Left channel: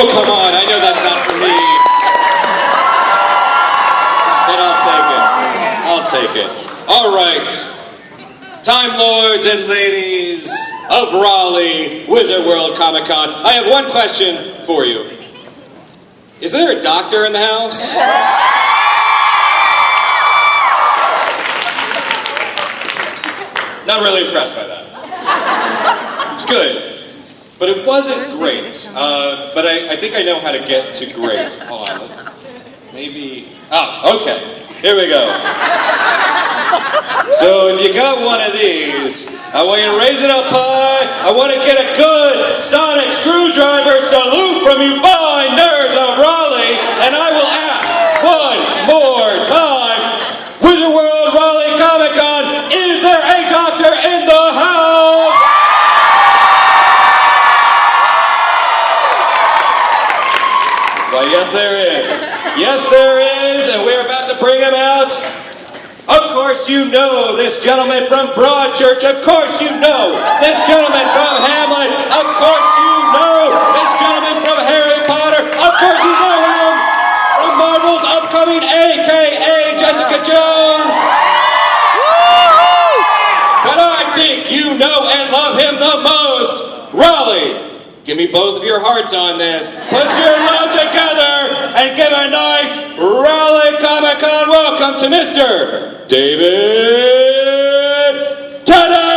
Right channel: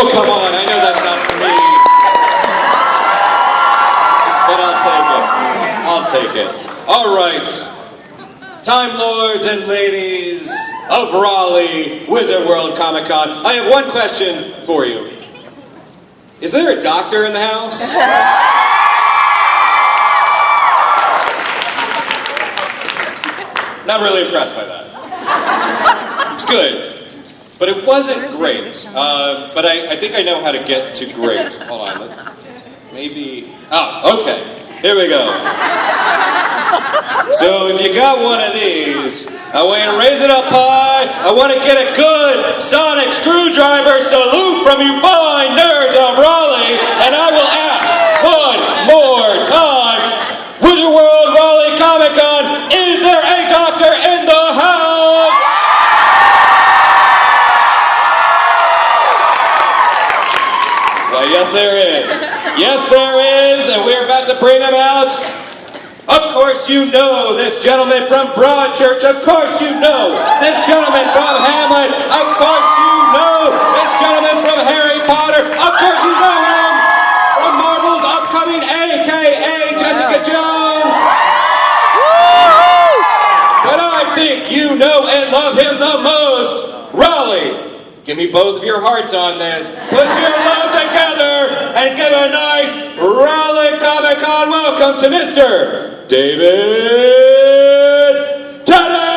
Oh, come on, I know that's not for me. But I'll take it. All right. Time Lords and ladies of Raleigh, Wizard World Comic Con, I have one question for you. Is there a doctor in the house? Not really impressed by that. It's good. But it wasn't great. But I think I know how to get to great. Hold on. Maybe. Oh, okay. Here we go. So if you got one of these, I want you to raise it up high. I want to get a good sonic screwdriver salute from you fine nerds of Raleigh. And I will ask one more time, Wizard World Raleigh Comic Con, is there a doctor in the house? Well, yes there is. Yes there is, and we're about to bring him out. Of course you know this gentleman from Broadchurch. Of course you know this gentleman from Hamlet. Of course you know this gentleman from Harry Potter. Of course you know him from Marvel's upcoming a.k.a. Jessica Jones. But I think you know and love him the most. Raleigh. Give me both of your hearts on this. Put your love together and give a nice Raleigh Comic Con welcome to Mr. David Tennant!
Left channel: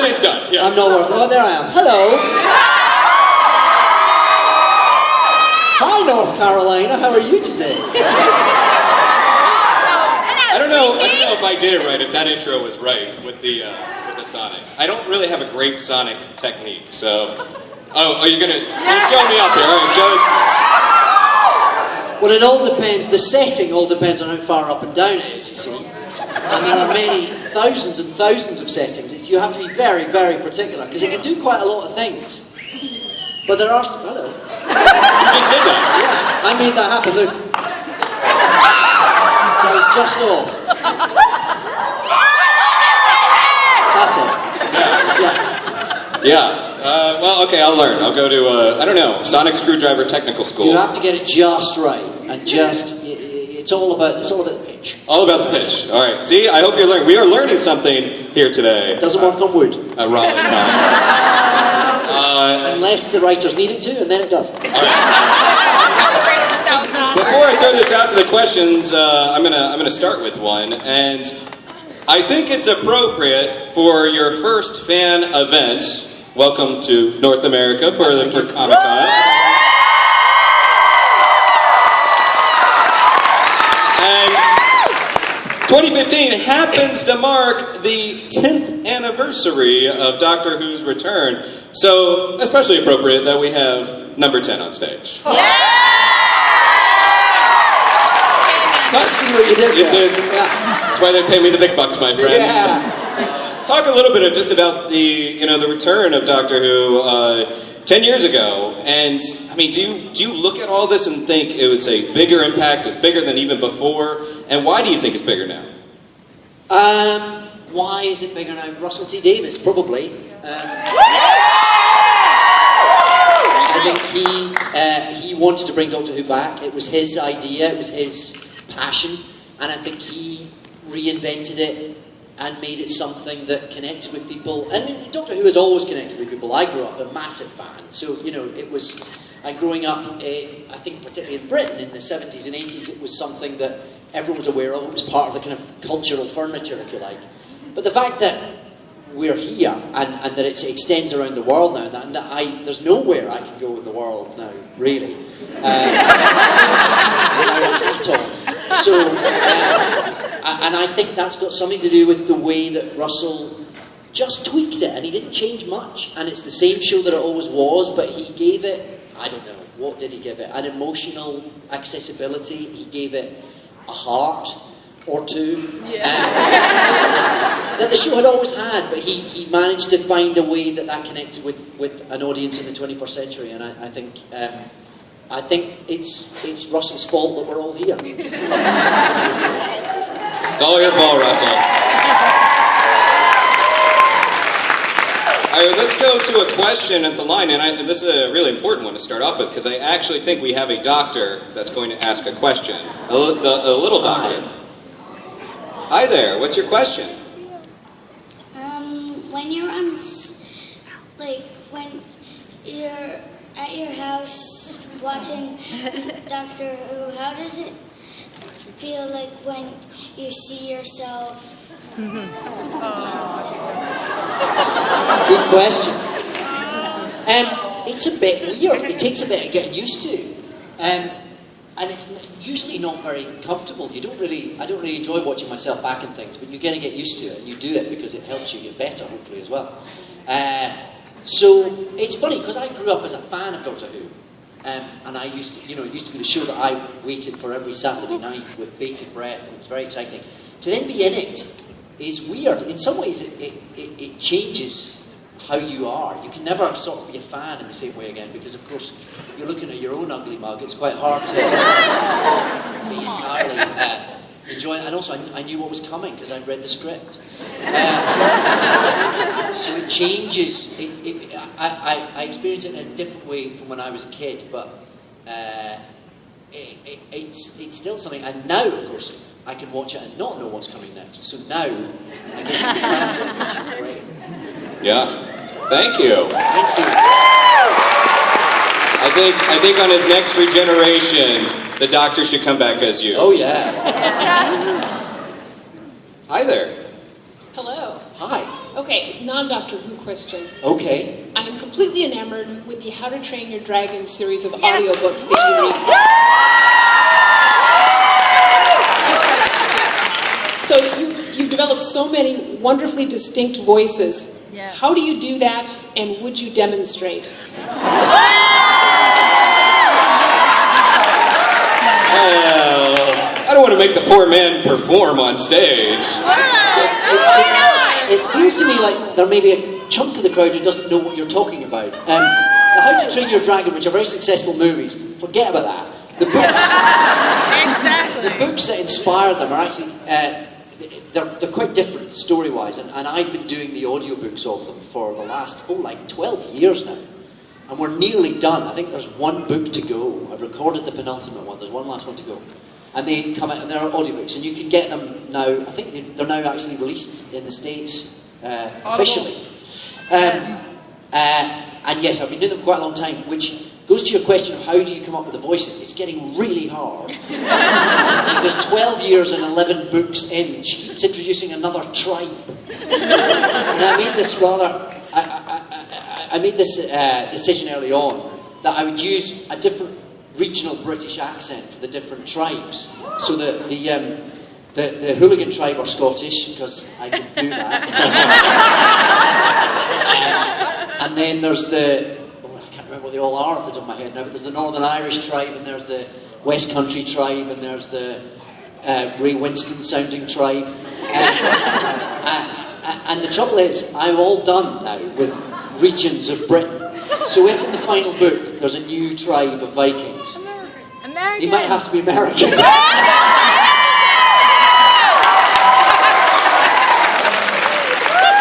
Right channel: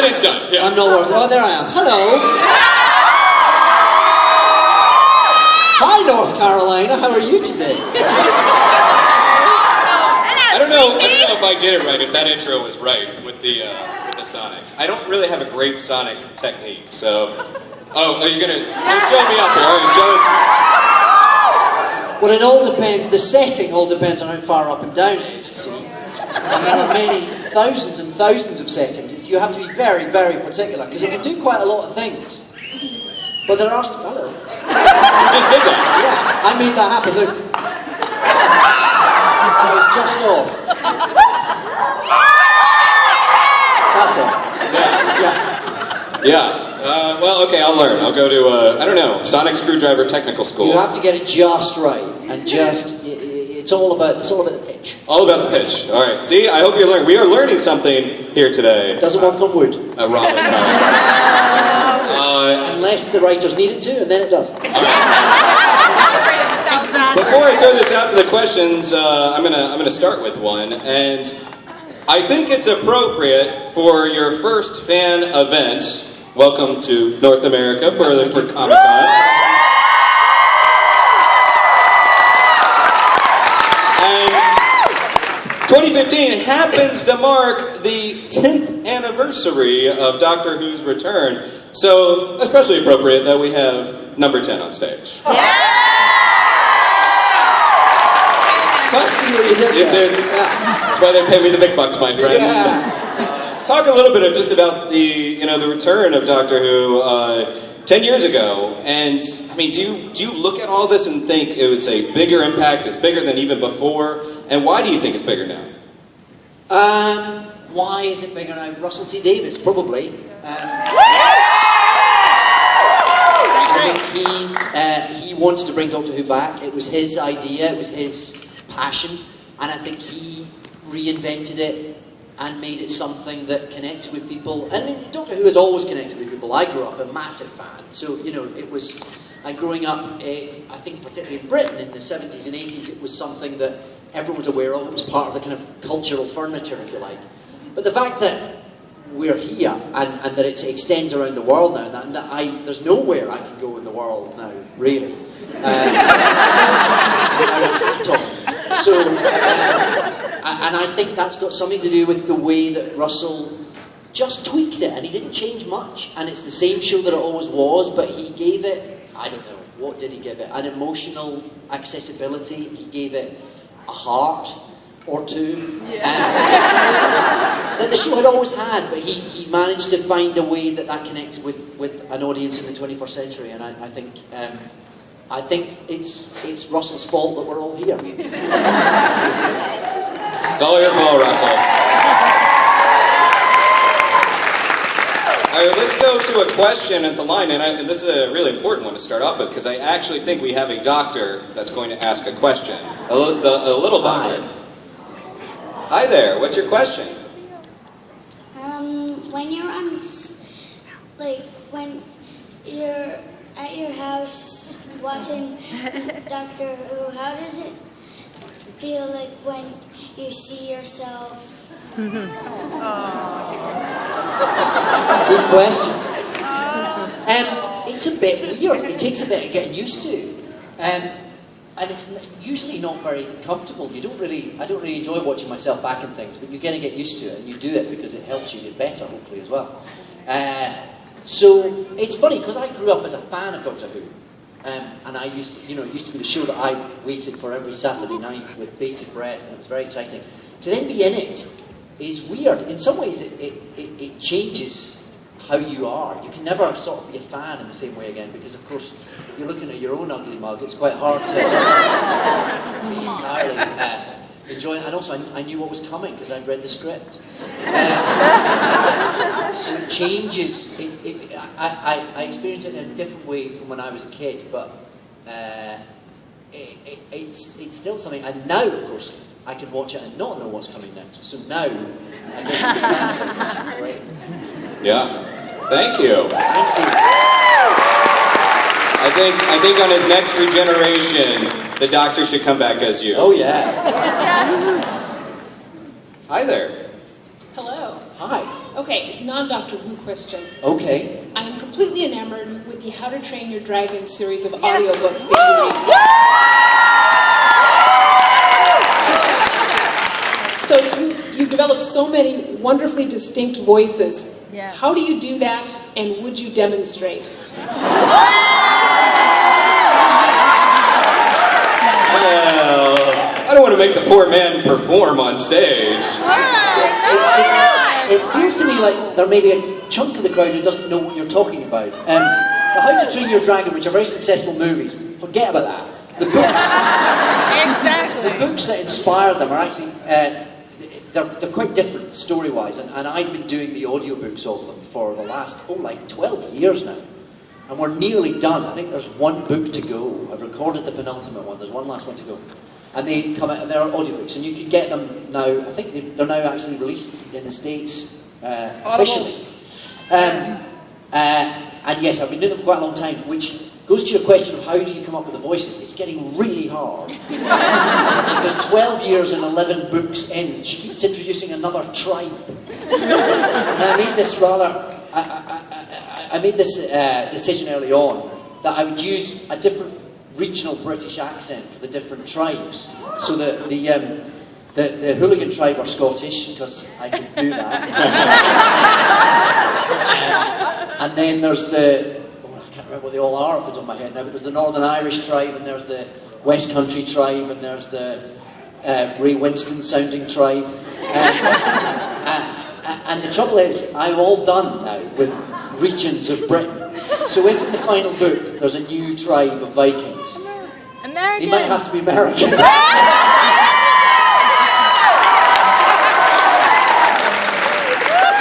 It's done. Yeah. I'm not working. Oh, there I am. Hello. Hi, North Carolina. How are you today? I don't know if I did it right. If that intro was right with the Sonic. I don't really have a great Sonic technique. So, are you gonna show me up here? All right, show us. Well, it all depends. The setting all depends on how far up and down it is. You see, and there are many thousands and thousands of settings. You have to be very, very particular because it can do quite a lot of things. But there are. Hello. You just did that. Yeah, I made that happen. Look. So I was just off. That's it. Yeah. Yeah. Well, okay, I'll learn. I'll go to, I don't know, Sonic Screwdriver Technical School. You have to get it just right, and just, it's all about the pitch. All about the pitch. All right. See, I hope you're learning. We are learning something here today. Doesn't work on wood. Raleigh. Unless the writers need it to, and then it does. Before I throw this out to the questions, I'm gonna start with one, and I think it's appropriate for your first fan event. Welcome to North America for Comic Con. 2015 happens to mark the 10th anniversary of Doctor Who's return, so especially appropriate that we have number 10 on stage. See what you did there. That's why they pay me the big bucks, my friend. Yeah. Talk a little bit just about the return of Doctor Who 10 years ago, and I mean, do you look at all this and think it's a bigger impact? It's bigger than even before, and why do you think it's bigger now? Why is it bigger now? Russell T Davies, probably. I think he wanted to bring Doctor Who back. It was his idea. It was his passion, and I think he reinvented it and made it something that connected with people. And Doctor Who has always connected with people. I grew up a massive fan, so it was. And growing up, I think particularly in Britain in the 70s and 80s, it was something that everyone was aware of. It was part of the kind of cultural furniture, if you like. But the fact that we're here and that it extends around the world now, and that there's nowhere I can go in the world now, really. At all. So, and I think that's got something to do with the way that Russell just tweaked it, and he didn't change much. And it's the same show that it always was, but he gave it, I don't know, what did he give it? An emotional accessibility. He gave it a heart or two. That the show had always had, but he managed to find a way that connected with an audience in the 21st century. And I think it's Russell's fault that we're all here. It's all your fault, Russell. All right, let's go to a question at the line, and this is a really important one to start off with, because I actually think we have a doctor that's going to ask a question. A little doctor. Hi there, what's your question? When you're when you're at your house watching Doctor Who, how does it feel like when you see yourself? Good question. It's a bit weird. It takes a bit of getting used to. And it's usually not very comfortable. I don't really enjoy watching myself back in things, but you're going to get used to it, and you do it because it helps you get better, hopefully, as well. So it's funny, because I grew up as a fan of Doctor Who, and I used to, it used to be the show that I waited for every Saturday night with bated breath, and it was very exciting. To then be in it is weird. In some ways, it changes how you are. You can never sort of be a fan in the same way again, because of course you're looking at your own ugly mug. It's quite hard to be entirely enjoying. And also I knew what was coming because I'd read the script. So it changes. I experience it in a different way from when I was a kid, but it's still something. And now, of course, I can watch it and not know what's coming next. So now I get to be a fan of it, which is great. Yeah. Thank you. Thank you. I think on his next regeneration, the doctor should come back as you. Oh yeah. Hi there. Hello. Hi. Okay, non-Doctor Who question. Okay. I am completely enamored with the How to Train Your Dragon series of audiobooks that you read. So you've developed so many wonderfully distinct voices. Yeah. How do you do that, and would you demonstrate? I don't want to make the poor man perform on stage. It feels to me like there may be a chunk of the crowd who doesn't know what you're talking about. The How to Train Your Dragon, which are very successful movies, forget about that. The books that inspired them are actually they're quite different story-wise, and I've been doing the audiobooks of them for the last 12 years now, and we're nearly done. I think there's one book to go. I've recorded the penultimate one. There's one last one to go. And they come out, and they're audiobooks, and you can get them now. I think they're now actually released in the States officially. And yes, I've been doing them for quite a long time, which goes to your question of how do you come up with the voices. It's getting really hard. Because 12 years and 11 books in, she keeps introducing another tribe. And I made this decision early on that I would use a different regional British accent for the different tribes, so that the hooligan tribe are Scottish, because I can do that. And then there's I can't remember what they all are off the top of my head now, but there's the Northern Irish tribe, and there's the West Country tribe, and there's the Ray Winston sounding tribe. And the trouble is, I'm all done now with regions of Britain. So if in the final book there's a new tribe of Vikings, American. they might have to be American.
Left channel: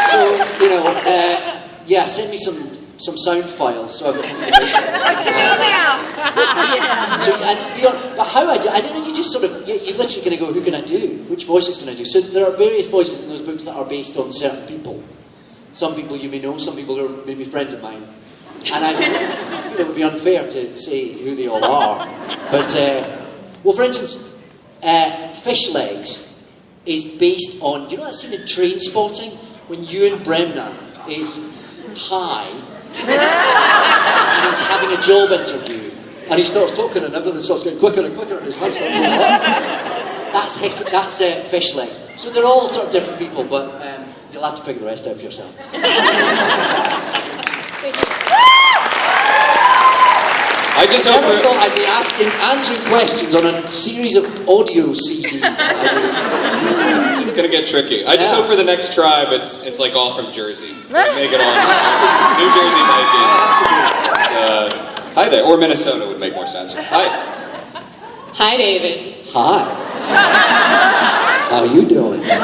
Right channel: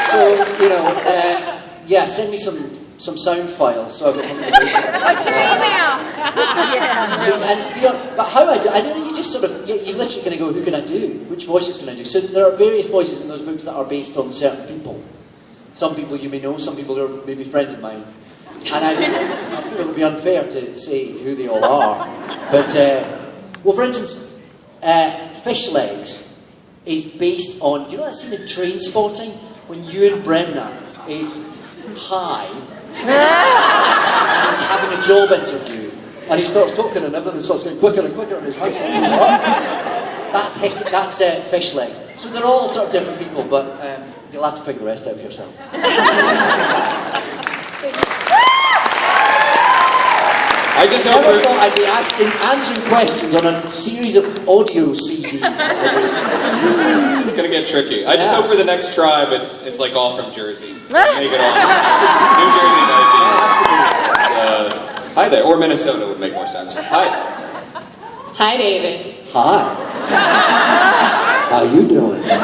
So, send me some sound files so I've got something to base it on. What's your email? But how I don't know, you just sort of, you're literally going to go, who can I do? Which voices can I do? So there are various voices in those books that are based on certain people. Some people you may know, some people who are maybe friends of mine. And I feel it would be unfair to say who they all are. But, for instance, Fish Legs is based on, you know that scene in Train Spotting when Ewan Bremner is high and he's having a job interview and he starts talking and everything starts getting quicker and quicker and his hands start moving up? That's Fish Legs. So they're all sort of different people, but You'll have to figure the rest out for yourself. I just Never hope thought I'd be answering questions on a series of audio CDs. it's going to get tricky. I just Yeah. hope for the next tribe it's like all from Jersey. Make it all New Jersey Vikings. Hi there, or Minnesota would make more sense. Hi. Hi, David. Hi. How you doing? Okay,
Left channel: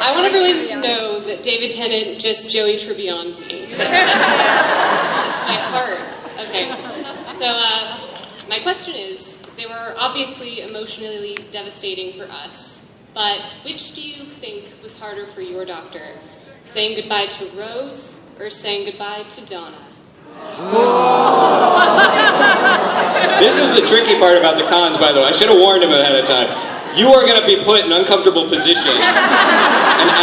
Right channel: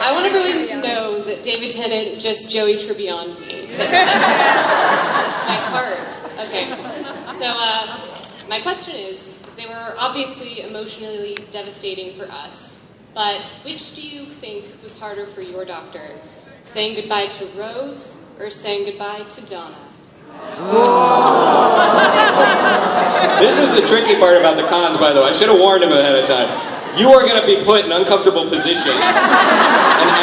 I want everyone to know that David Tennant just Joey Tribbian'd me. That's my heart. Okay, so my question is, they were obviously emotionally devastating for us, but which do you think was harder for your doctor? Saying goodbye to Rose or saying goodbye to Donna? This is the tricky part about the cons, by the way. I should have warned him ahead of time. You are going to be put in uncomfortable positions and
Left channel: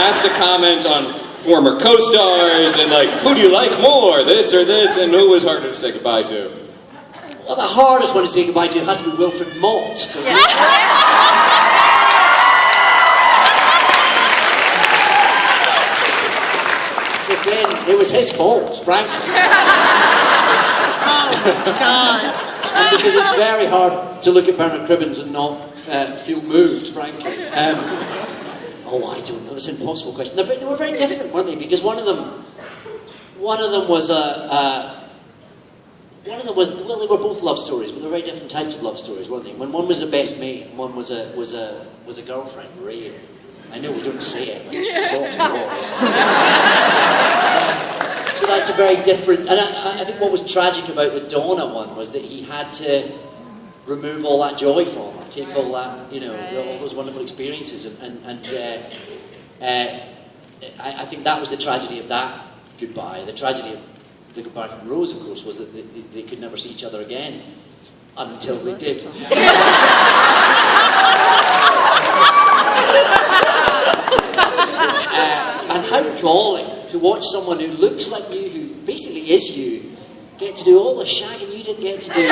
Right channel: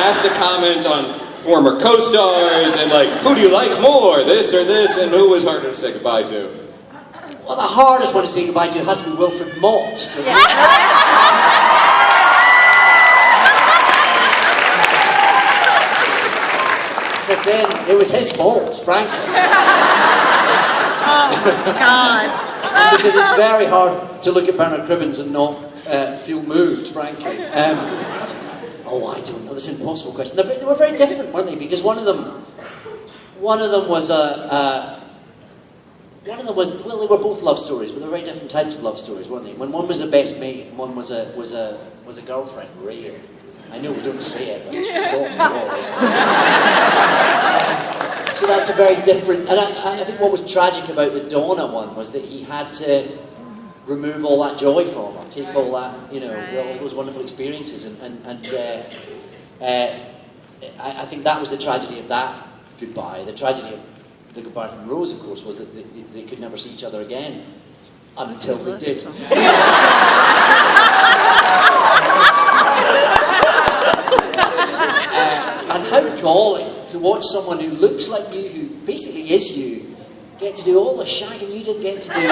asked to comment on former co-stars and like, who do you like more, this or this, and who was harder to say goodbye to? Well, the hardest one to say goodbye to has to be Wilfred Mott, doesn't it? Because then it was his fault, frankly. Oh, God. And because it's very hard to look at Bernard Cribbins and not feel moved, frankly. Oh, I don't know. That's an impossible question. They were very different, weren't they? Because one of them was well, they were both love stories, but they were very different types of love stories, weren't they? When one was a best mate and one was a girlfriend, really. I know we don't say it, but she sort of was. So that's a very different. And I think what was tragic about the Donna one was that he had to remove all that joy from her, take all that, all those wonderful experiences, I think that was the tragedy of that goodbye. The tragedy of the goodbye from Rose, of course, was that they could never see each other again until they did. And how galling to watch someone who looks like you, who basically is you, get to do all the shagging you didn't get to do.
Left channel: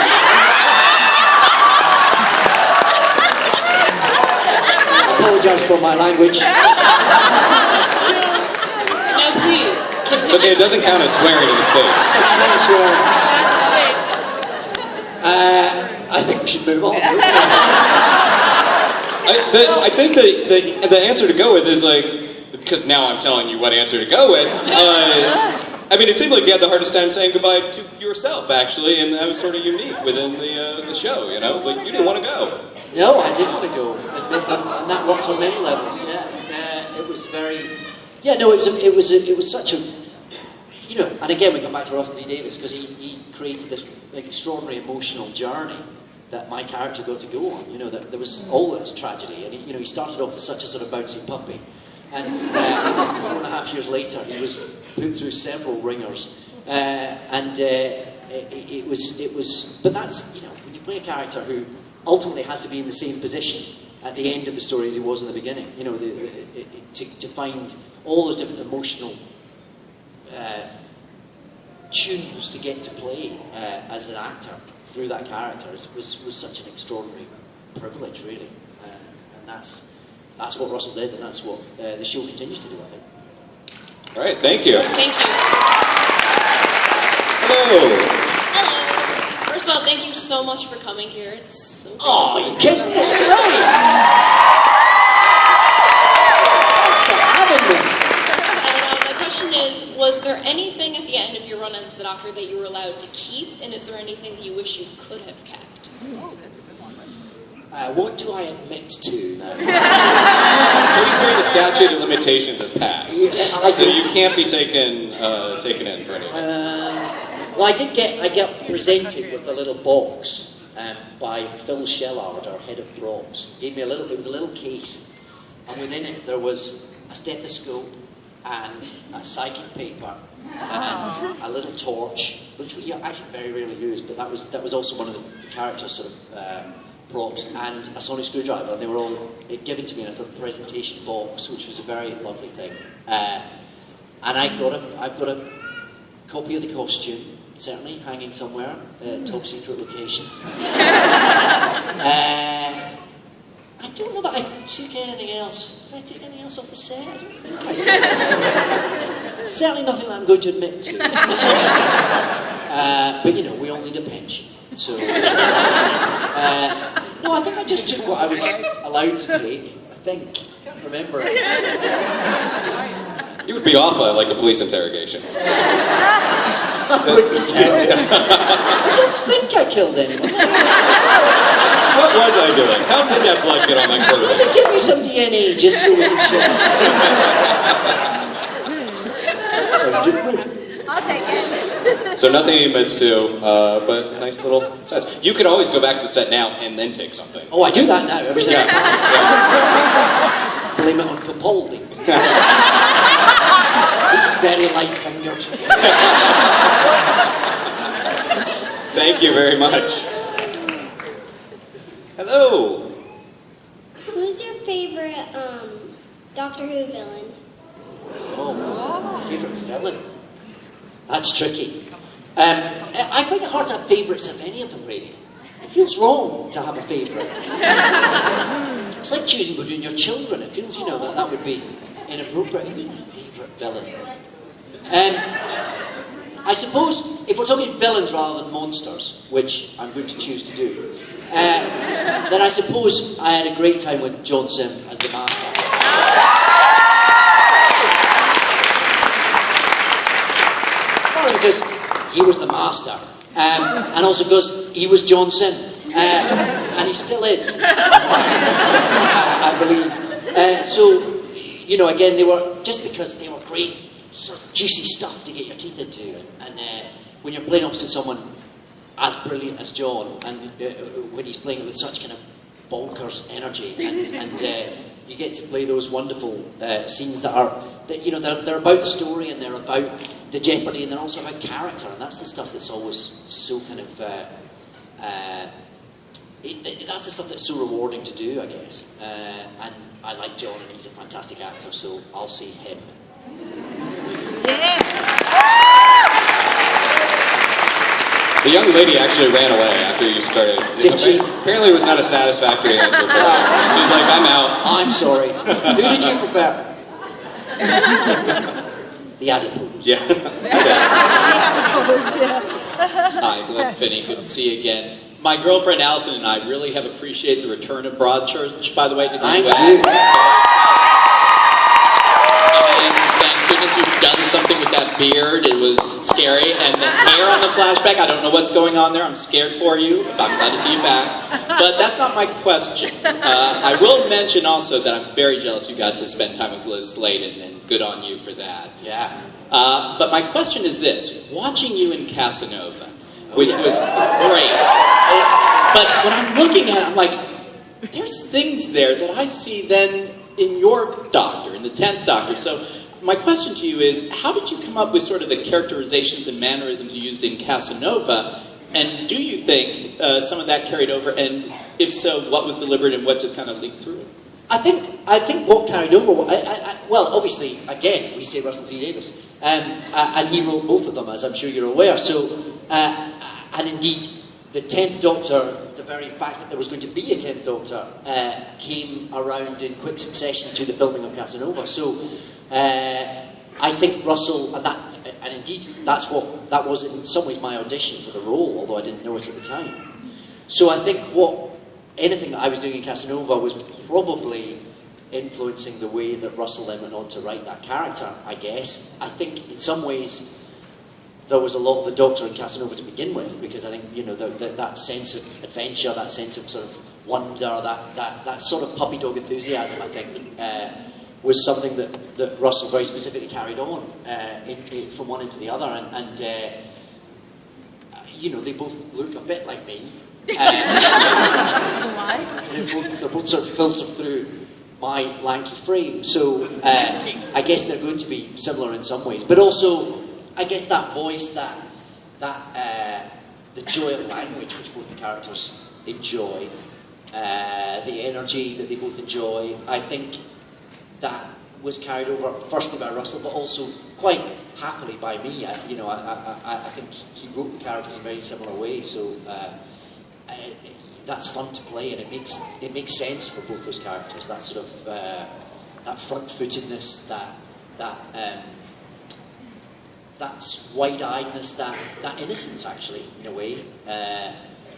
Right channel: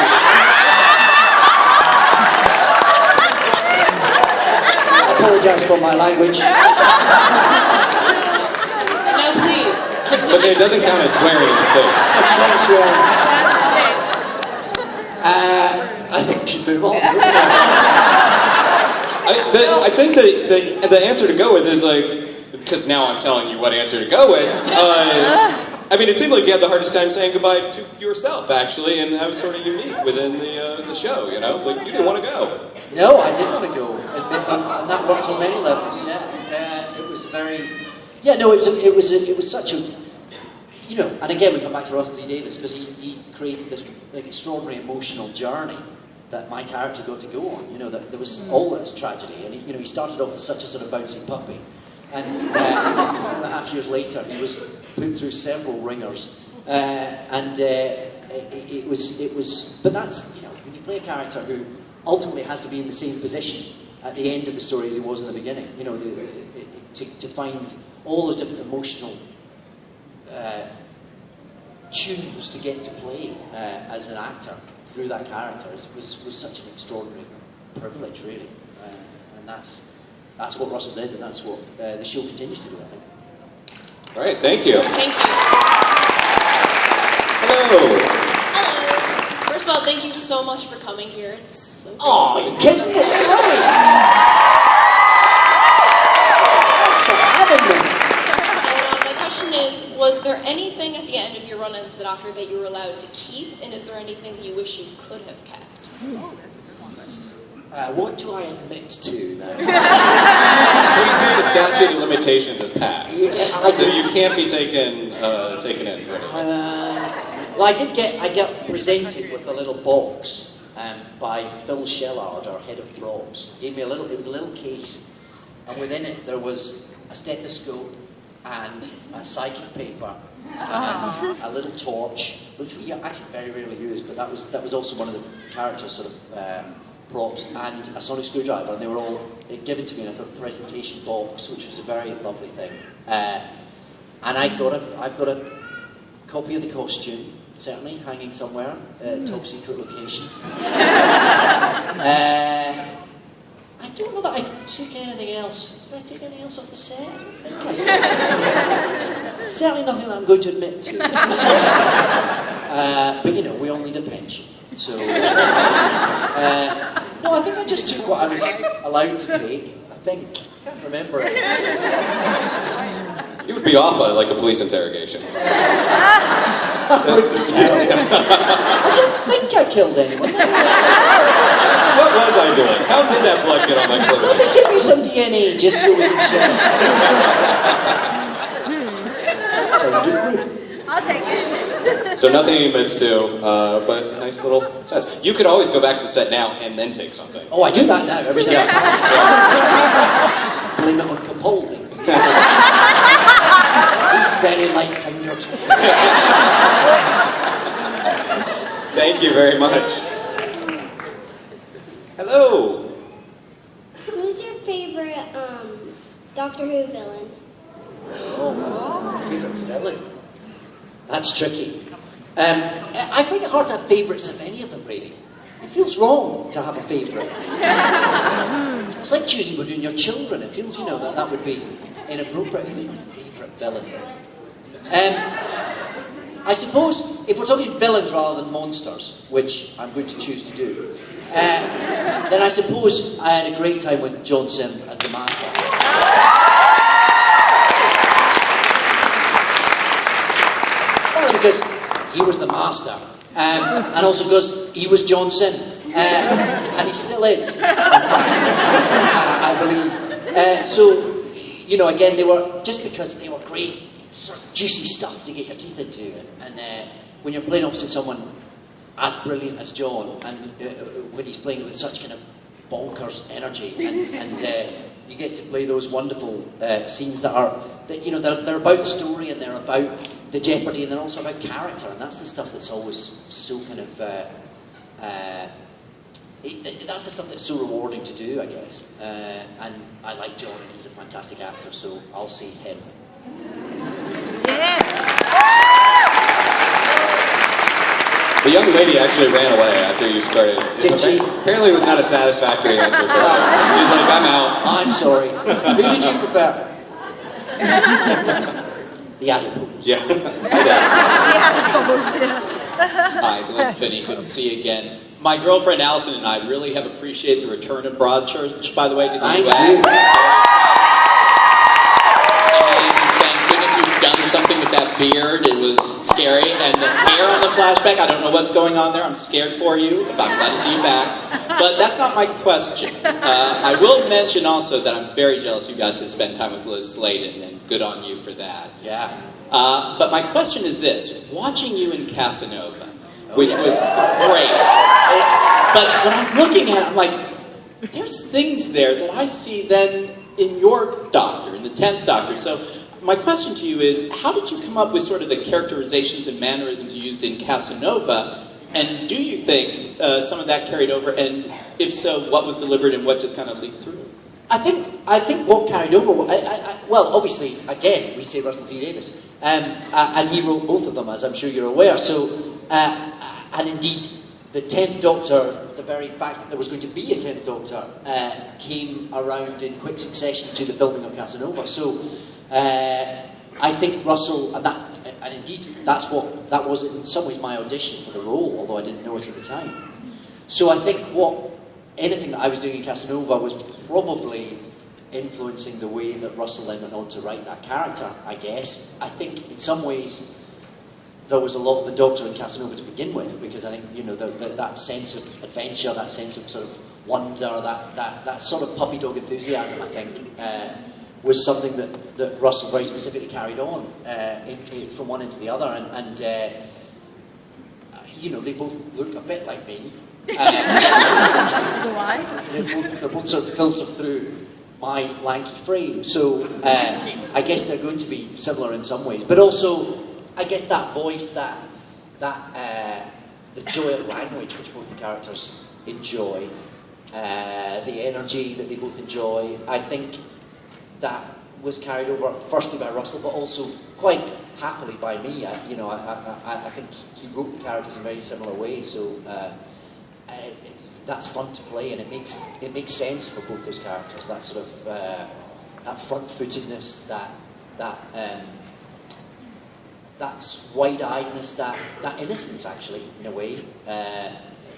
I apologise for my language. No, please, continue. It's okay, it doesn't count as swearing in the States. Doesn't mean swearing. I think we should move on. I think the answer to go with is like, because now I'm telling you what answer to go with. I mean, it seemed like you had the hardest time saying goodbye to yourself, actually, and that was sort of unique within the show. Like you didn't want to go. No, I didn't want to go, and that worked on many levels. Yeah, it was very. Yeah, no, it was such a. And again we come back to Russell T Davies because he created this extraordinary emotional journey that my character got to go on. That there was all this tragedy, and he started off as such a sort of bouncy puppy, and 4.5 years later he was put through several ringers, and it was. But that's when you play a character who ultimately has to be in the same position at the end of the story as he was in the beginning. To find all those different emotional tunes to get to play as an actor through that character was such an extraordinary privilege, really, and that's what Russell did, and that's what the show continues to do, I think. All right, thank you. Thank you. Hello. Hello. First of all, thank you so much for coming here. It's so great. Oh, are you kidding? It's great! Thanks for having me. And my question is, was there anything at the end of your run as the Doctor that you were allowed to keep, and is there anything that you wish you could have kept? What do I admit to now? Pretty sure the statute of limitations has passed, so you can't be taken in for anything. Well, I get presented with a little box by Phil Shellard, our head of props. He gave me it was a little case, and within it there was a stethoscope and a psychic paper and a little torch, which we actually very rarely used, but that was also one of the characters' sort of props, and a sonic screwdriver, and they were all given to me in a sort of presentation box, which was a very lovely thing. And I've got a copy of the costume, certainly hanging somewhere, top secret location. I don't know that I took anything else. Did I take anything else off the set? I think I did. Certainly nothing that I'm going to admit to. But you know, we all need a pension. So, no, I think I just took what I was allowed to take. I think. I can't remember. You would be off by like a police interrogation. That would be terrible. I don't think I killed anyone. What was I doing? How did that blood get on my Let person? me give you some DNA just so we can check. So you did good. I'll take it. So nothing he admits to, but nice little sets. You could always go back to the set now and then take something. Oh, I do that now every time I pass. Blame it on Capaldi. He's very light-fingered. Thank you very much. Hello. Who's your favorite Doctor Who villain? Oh, my favourite villain. That's tricky. I find it hard to have favourites of any of them, really. It feels wrong to have a favourite. It's like choosing between your children. It feels, you know, that would be inappropriate. Who's my favourite villain? I suppose, if we're talking villains rather than monsters, which I'm going to choose to do, then I suppose I had a great time with John Sim as the Master. Partly because he was the Master, and also because he was John Sim, and he still is, in fact, I believe. So, you know, again, they were, just because they were great, sort of juicy stuff to get your teeth into, and when you're playing opposite someone as brilliant as John, and when he's playing it with such kind of bonkers energy, and you get to play those wonderful scenes that are, you know, they're about the story, and they're about the jeopardy, and they're also about character, and that's the stuff that's always so kind of, that's the stuff that's so rewarding to do, I guess. And I like John, and he's a fantastic actor, so I'll see him. The young lady actually ran away after you started. Did she? Apparently it was not a satisfactory answer for her. She's like, I'm out. I'm sorry. Who did you prefer? The adipose. Yeah. Hi, Glenn Finney. Good to see you again. My girlfriend Allison and I really have appreciated the return of Broadchurch, by the way, to the Thank U.S. you. And thank goodness you've done something with that beard. It was scary. And the hair on the flashback, I don't know what's going on there. I'm scared for you. I'm glad to see you back. But that's not my question. I will mention also that I'm very jealous you got to spend time with Liz Sladen, and good on you for that. Yeah. But my question is this. Watching you in Casanova, which was great. But when I'm looking at it, I'm like, there's things there that I see then in your Doctor, in the 10th Doctor. So my question to you is, how did you come up with sort of the characterizations and mannerisms you used in Casanova? And do you think some of that carried over? And if so, what was deliberate and what just kind of leaked through? I think what carried over, well, obviously, again, we say Russell T Davies, and he wrote both of them, as I'm sure you're aware. So, and indeed, the 10th Doctor, the very fact that there was going to be a 10th Doctor, came around in quick succession to the filming of Casanova. So, I think Russell, and indeed, that was in some ways my audition for the role, although I didn't know it at the time. So I think anything that I was doing in Casanova was probably influencing the way that Russell then went on to write that character, I guess. I think in some ways there was a lot of the Doctor in Casanova to begin with, because I think, you know, that sense of adventure, that sense of sort of wonder, that sort of puppy dog enthusiasm, I think, was something that Russell very specifically carried on from one into the other, and you know, they both look a bit like me. They're both sort of filtered through my lanky frame, so I guess they're going to be similar in some ways. But also, I guess that voice, the joy of language which both the characters enjoy, the energy that they both enjoy, I think that was carried over firstly by Russell, but also quite happily by me. I think he wrote the characters in very similar ways, so that's fun to play, and it makes sense for both those characters. That sort of that front-footedness, that wide-eyedness, that innocence, actually, in a way,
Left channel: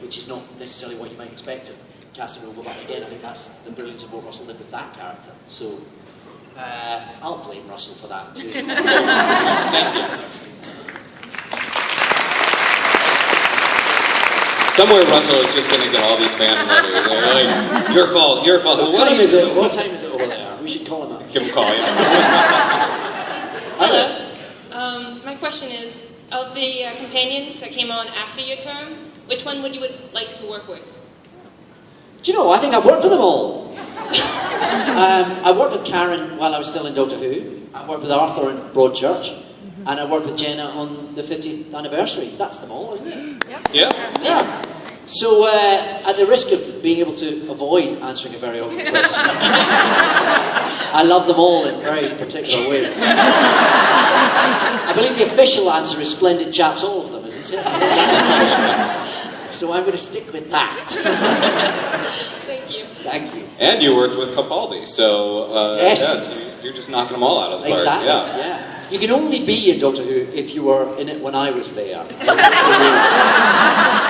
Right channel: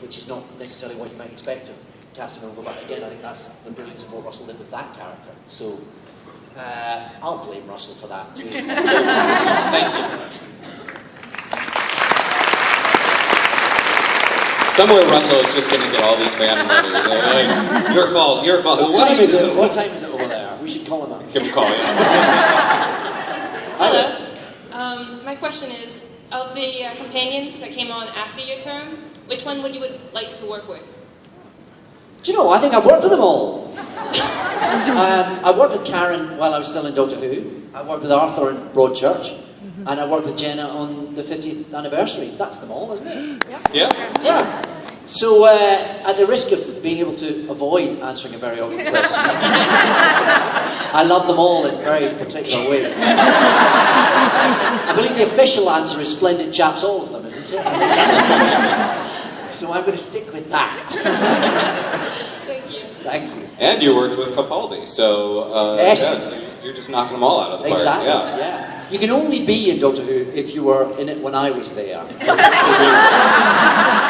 which is not necessarily what you might expect of Casanova. But again, I think that's the brilliance of what Russell did with that character. So I'll blame Russell for that too. Thank you. Somewhere Russell is just going to get all these fan letters. Like, your fault. What time is it? What time is it over there? We should call him up. Give him a call, yeah. Hello. My question is, of the companions that came on after your term, which one would you like to work with? Do you know, I think I've worked with them all. I worked with Karen while I was still in Doctor Who. I worked with Arthur in Broadchurch. And I worked with Jenna on the 50th anniversary. That's them all, isn't it? Yeah. Yeah. So, at the risk of being able to avoid answering a very awkward question, I love them all in very particular ways. I believe the official answer is splendid chaps, all of them, isn't it? So I'm going to stick with that. Thank you. Thank you. And you worked with Capaldi, so Yes. you're just knocking them all out of the park. Exactly, yeah. You can only be in Doctor Who if you were in it when I was there.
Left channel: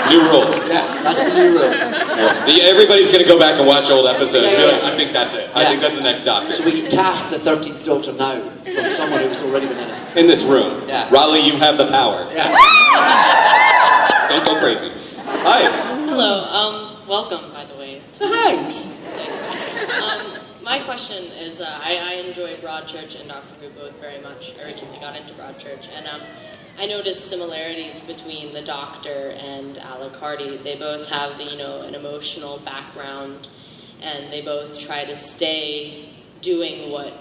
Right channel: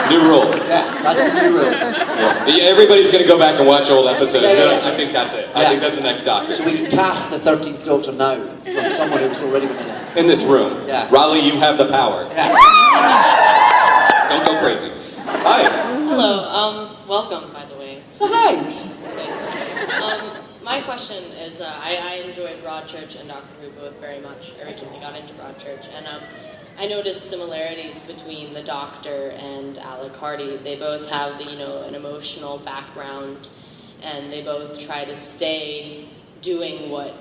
New rule. Yeah, that's the new rule. Everybody's going to go back and watch old episodes. Yeah. I think that's it. I Yeah. think that's the next Doctor. So we can cast the 13th Doctor now from someone who's already been in it. In this room. Yeah. Raleigh, you have the power. Yeah. Don't go crazy. Hi. Hello, welcome, by the way. Thanks. My question is, I enjoyed Broadchurch and Doctor Who both very much. I recently got into Broadchurch, and I noticed similarities between the Doctor and Alec Hardy. They both have, an emotional background, and they both try to stay doing what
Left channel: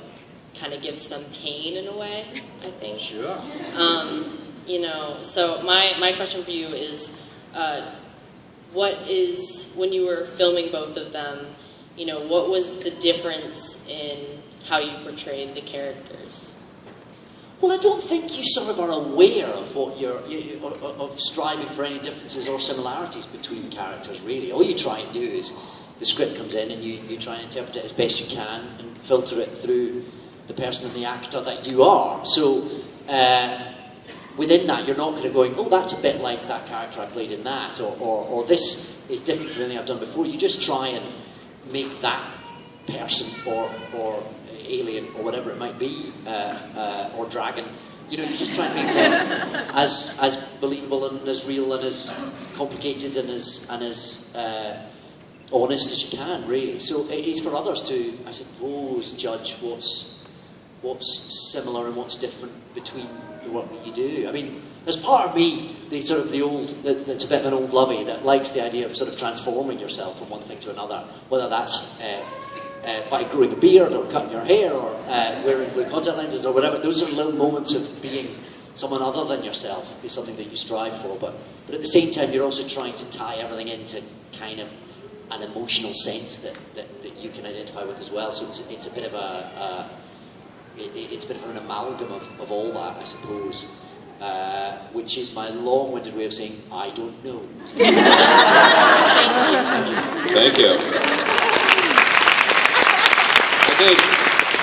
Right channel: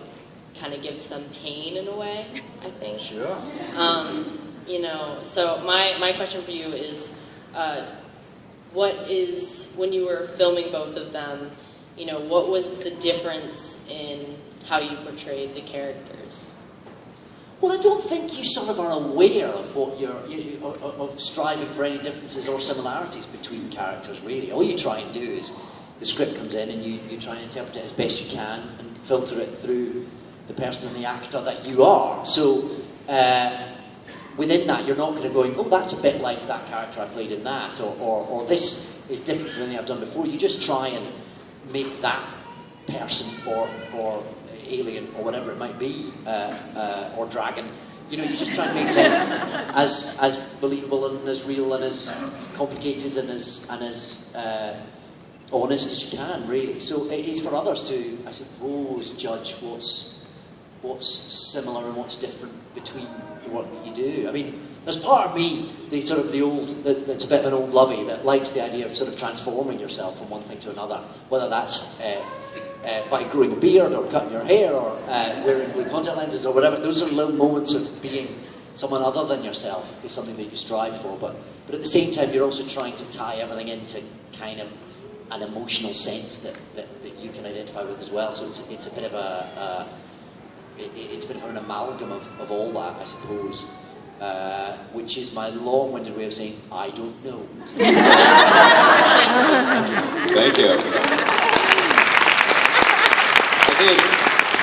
kind of gives them pain in a way, I think. Sure. So my question for you is, when you were filming both of them, what was the difference in how you portrayed the characters? Well, I don't think you sort of are aware of what of striving for any differences or similarities between characters, really. All you try and do is the script comes in and you try and interpret it as best you can and filter it through the person and the actor that you are. So within that, you're not kind of going, oh, that's a bit like that character I played in that, or this is different from anything I've done before. You just try and make that person or alien or whatever it might be, or dragon, you just try and make them as believable and as real and as complicated and as honest as you can, really. So it's for others to, I suppose, judge what's similar and what's different between the work that you do. I mean, there's part of me, that's a bit of an old lovey that likes the idea of sort of transforming yourself from one thing to another, whether that's by growing a beard or cutting your hair or wearing blue contact lenses or whatever. Those are little moments of being someone other than yourself is something that you strive for, but at the same time you're also trying to tie everything into kind of an emotional sense that you can identify with as well. So it's a bit of an amalgam of all that, I suppose. Which is my long-winded way of saying, I don't know. Thank you. I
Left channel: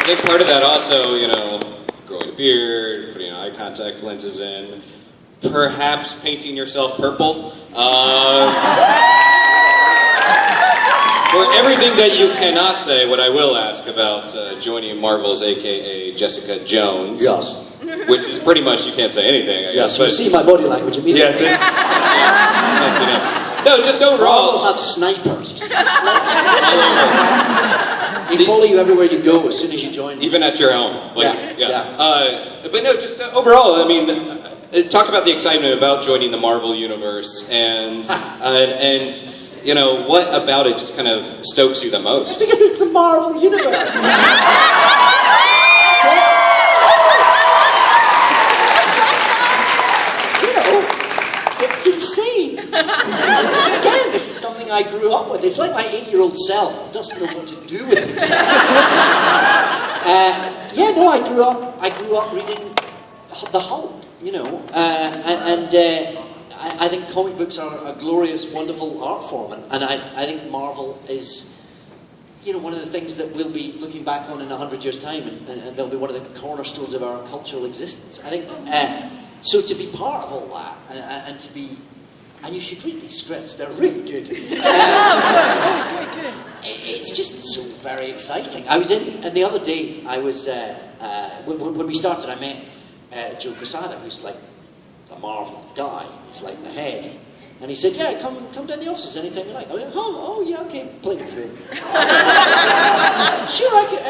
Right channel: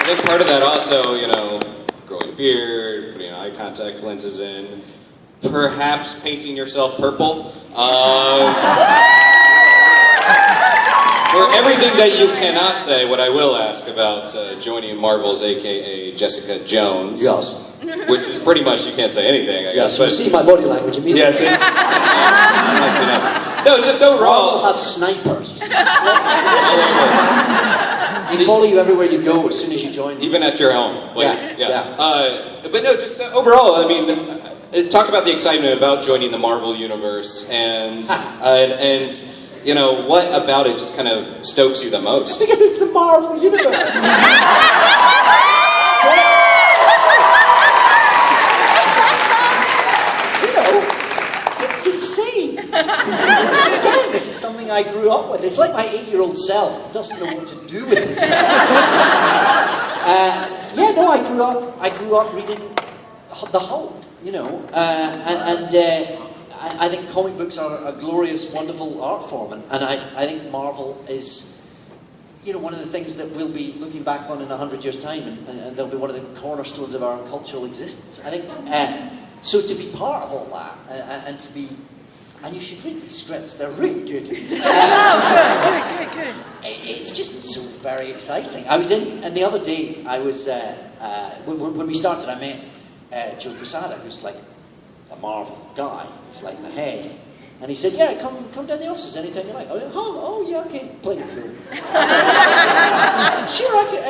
think part of that also, growing a beard, putting eye contact lenses in, perhaps painting yourself purple. For everything that you cannot say, what I will ask about joining Marvel's a.k.a. Jessica Jones. Yes. Which is pretty much, you can't say anything, I guess. Yes, you see my body language immediately. Yes, that's enough. No, just overall. We'll have snipers. They follow you everywhere you go as soon as you join. Even at your home. Yeah. But no, just overall, I mean, talk about the excitement about joining the Marvel Universe and what about it just kind of stokes you the most? Because it's the Marvel Universe. It's insane. Again, this is something I grew up with. It's like my 8-year-old self doesn't know what to do with himself. I grew up reading the Hulk, and I think comic books are a glorious, wonderful art form, and I think Marvel is, you know, one of the things that we'll be looking back on in 100 years' time, and they'll be one of the cornerstones of our cultural existence. I think, so to be part of all that, and to be, and you should read these scripts, they're really good. It's just so very exciting. I was in, and the other day, I was, when we started, I met Joe Quesada, who's like a Marvel guy, he's like the head. And he said, yeah, come down the offices anytime you like. I went, oh yeah, okay, plenty cool. Sure, I could,